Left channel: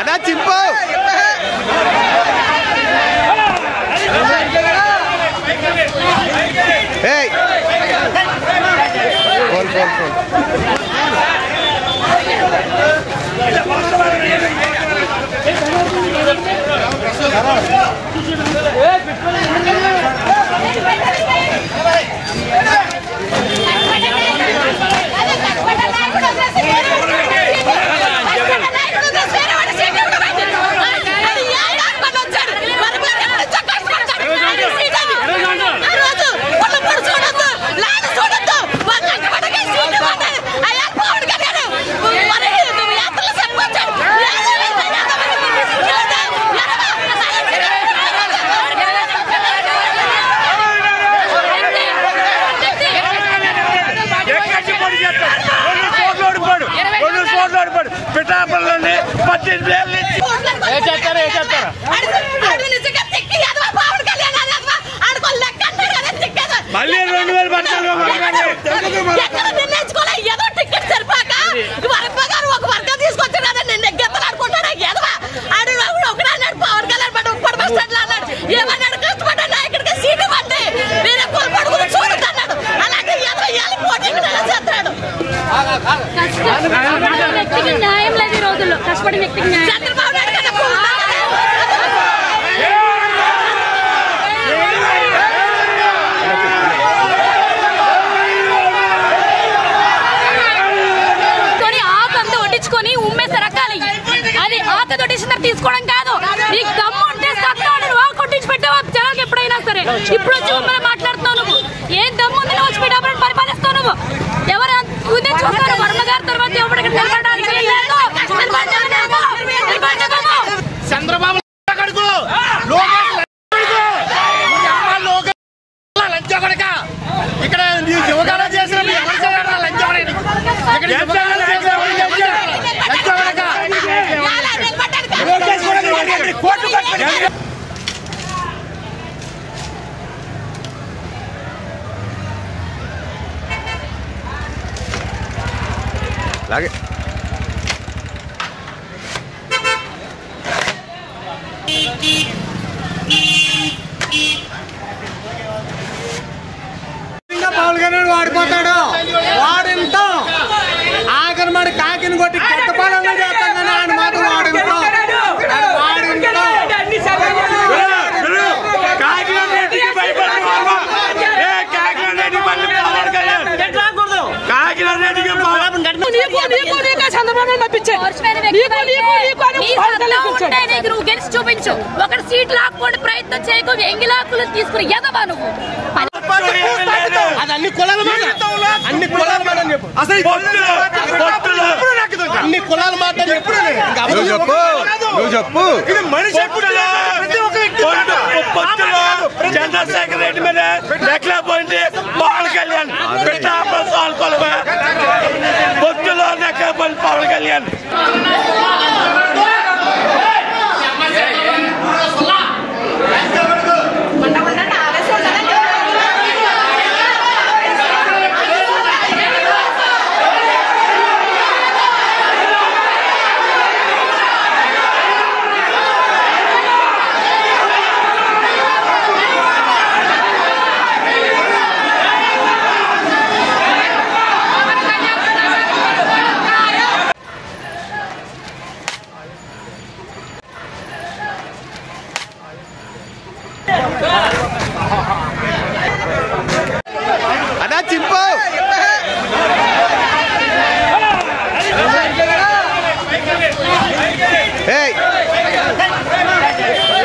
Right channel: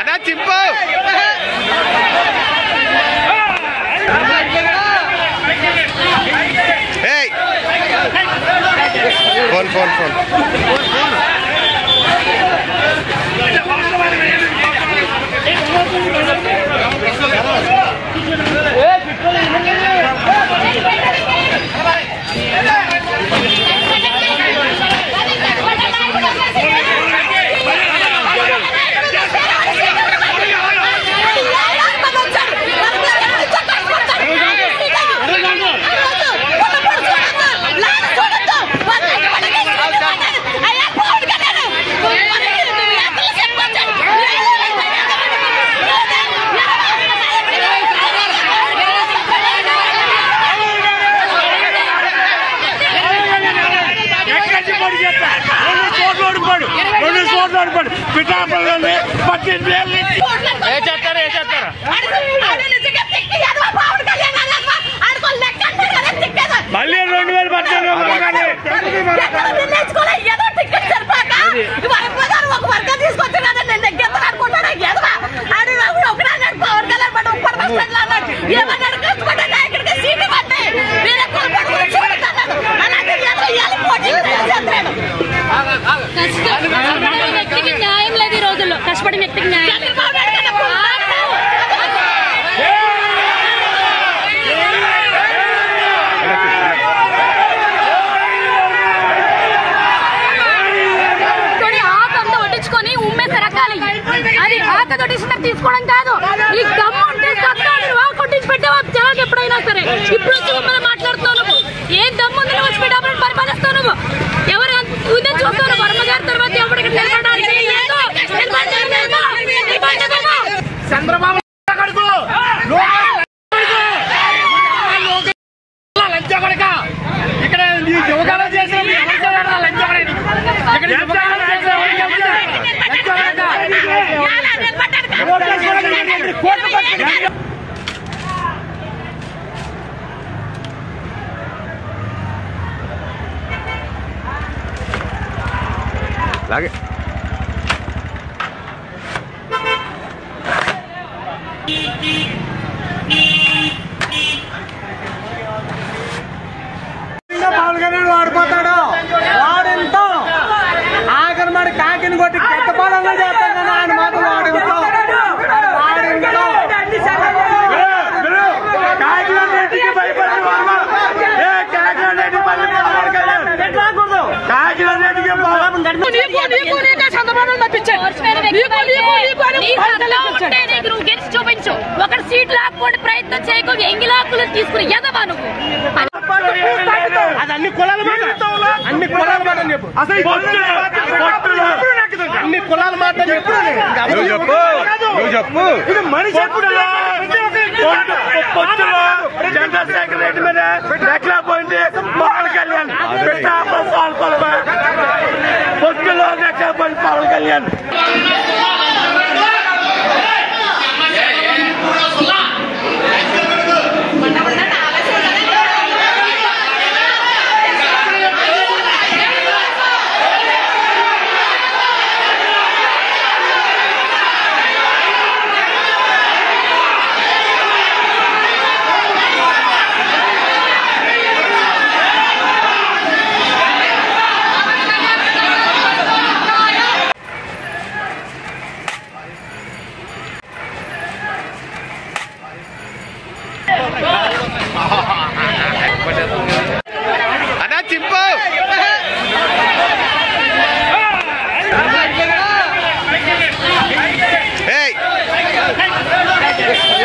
అన్నా చింపు phone phone phone పిఠాపురంలోనే 18 ఏళ్ళ మళ్ళీ 2000 వ్యక్తికి న్యాయం లేదు ఈ రోజుల్లో. కష్టపడి వ్యక్తికి న్యాయం ఆకంతా వడ్డించుకొని ఉమ్మేసే రకాలి. అది ఆకంత వడ్డించిన తీసుకోవడం కాదు. నీకు దమ్ము ఉంటే సత్తాడు కొట్టించి పెట్టావా జనాలు ఎప్పుడైనా సరే. ఇప్పుడు వచ్చి మనం మాట్లాడుతున్నావు. నువ్వు ఏం దమ్ము ఉందని వచ్చి పెట్టావు పరిపాలిస్తావు. నువ్వు ఎవరు చూస్తారు వర్మ గారి తర్వాత ఎవరికి నిలబడడానికి చంద్రబాబు ఇక్కడ యువకాలు చేసిన ఎవరు చేయాలి అలాగే పవన్ కళ్యాణ్ వాడిపోతాడు. వాడింటో ఆఖరి మరి కాకిని కొట్టి కొత్త పాలన చేస్తాడని ఆయన మాత్రం వాడింటో కాకినాడకి భయపడి నువ్వు గెలిచి చూపించు. ఒకటి సీట్ లాక్కోండి ప్రయత్నం చేయకు. ఎంగి లాక్కులు తీసుకుని ఎదవా నువ్వు. అన్ని కులాల మాట చెప్పు. అసలు అన్ని కులాల మాట చెప్పు. ఇది మనిషి చంద్రశేఖర్ రెడ్డి మీద నెక్కలేకపోయింది పవన్ కళ్యాణ్. పొత్తులో నెక్కలేకపోయింది పవన్ కళ్యాణ్. అన్నా చింపు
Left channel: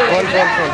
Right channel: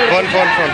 ఫోన్ ఫోన్ ఫోన్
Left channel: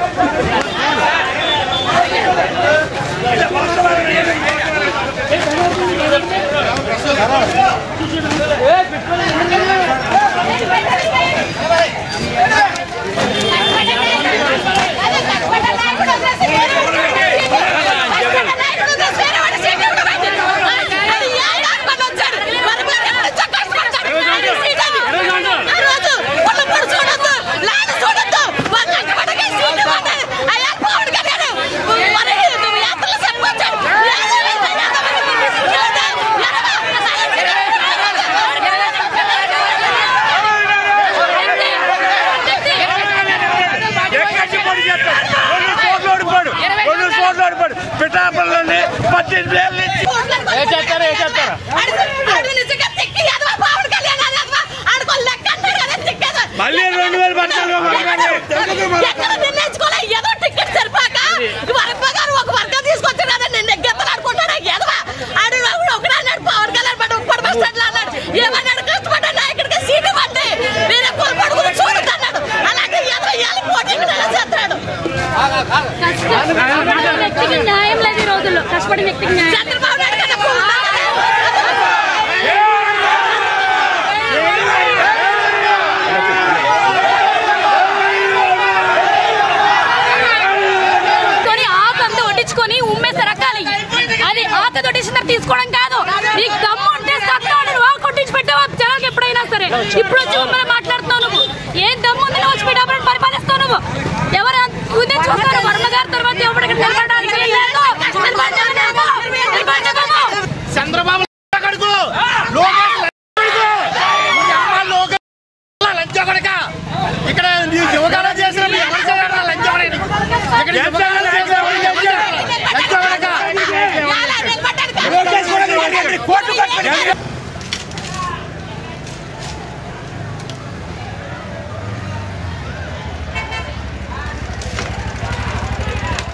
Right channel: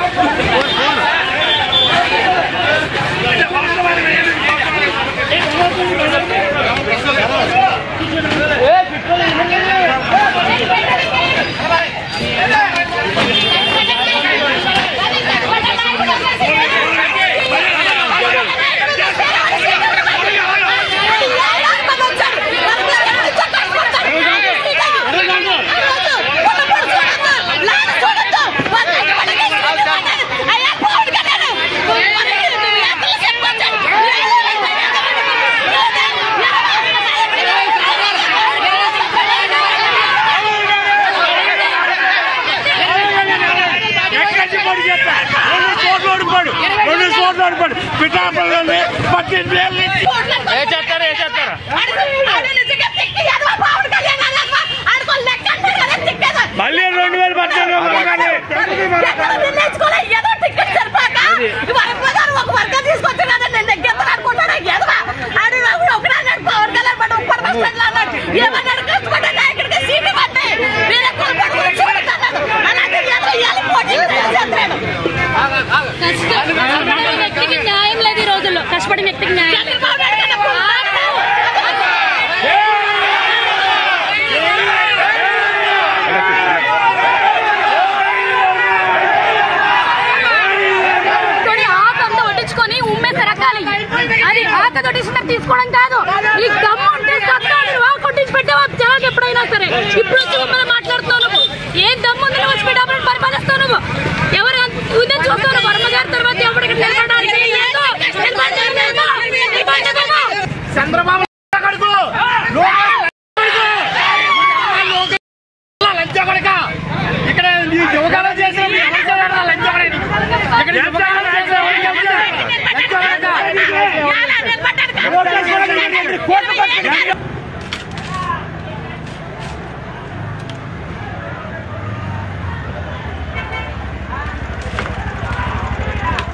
మళ్ళీ 2000 పట్టారు ఏదో టికెట్ సరిపాక ఒక వర్గం తీసుకొచ్చాడు కదా నేను ఎగ్గెత్తను అనుకుంటాడు ఎదవా ఆడు ఒకడు అన్నాడు పవన్ కళ్యాణ్ పట్టు ఉప్పటి బస్ స్టాండ్ లో అన్నాడు ఏమన్నాడు కష్టపడ్డా నాయకుడికి సీట్ ఇవ్వండి నేను ఎక్కువ పడుకుని చూడుతున్నాడు అలాగే ఎదవ ఇవ్వాలి పోటీ చేస్తాడు కష్టపడిన వ్యక్తికి న్యాయం లేదు ఈ రోజుల్లో కష్టపడిన వ్యక్తికి న్యాయం చంద్రబాబు నాయుడు కన్నా అది ఆకతో తీసుకోవడం కాదు నీ దమ్ము ఉంటే సత్తాడు కొట్టించి పెట్టావా జనాలు ఎప్పుడైనా సరే ఇప్పుడు వచ్చి మిమ్మల్ని మాట్లాడుతున్నావు నువ్వు ఏం దమ్ము ఉంది వచ్చి పెట్టామని పరిపాలిస్తావు నువ్వు ఎవరు ఉదయం చూస్తాను వర్మ గారి తర్వాత ఎవరికి నిలబడడానికి చంద్రబాబు ఇక్కడ యువతల చేసిన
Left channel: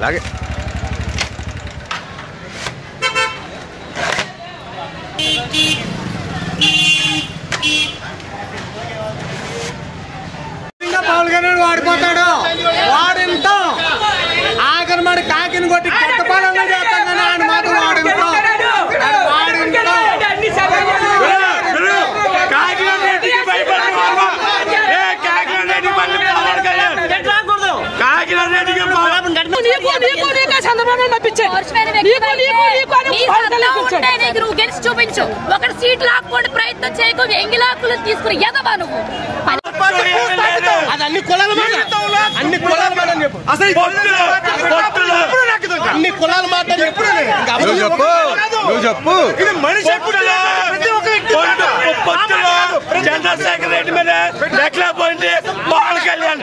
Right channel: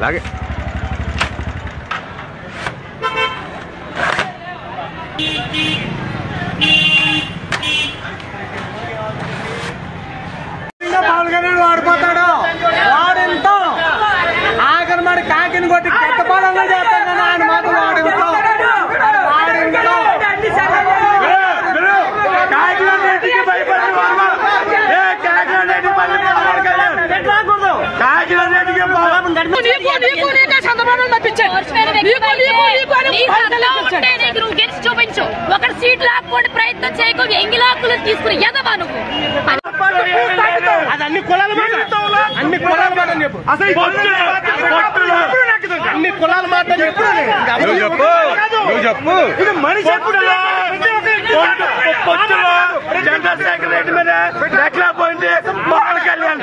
లాగే పవన్ కళ్యాణ్ వాడిపోతాడు వాడింతో ఆఖరి మరి కాకిని కొట్టి కొత్త పాలన చేస్తాను ఆయన మాత్రం వాడింతో నువ్వు గెలిచి చూపించు ఒకటి సీట్ లాక్కోండి ప్రయత్నం చేయకూడదు ఎంగి లాక్కులు తీసుకుని ఎదవా నువ్వు అన్ని కులాల మాట చెప్పు అసలు అన్ని కులాల మాట చెప్పు ఇది మనిషి చంద్రశేఖర్ రెడ్డి మీద నెక్కలేకపోయింది పవన్ కళ్యాణ్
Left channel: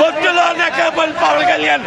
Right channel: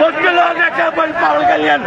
పొత్తులో నెక్కలేకపోయింది పవన్ కళ్యాణ్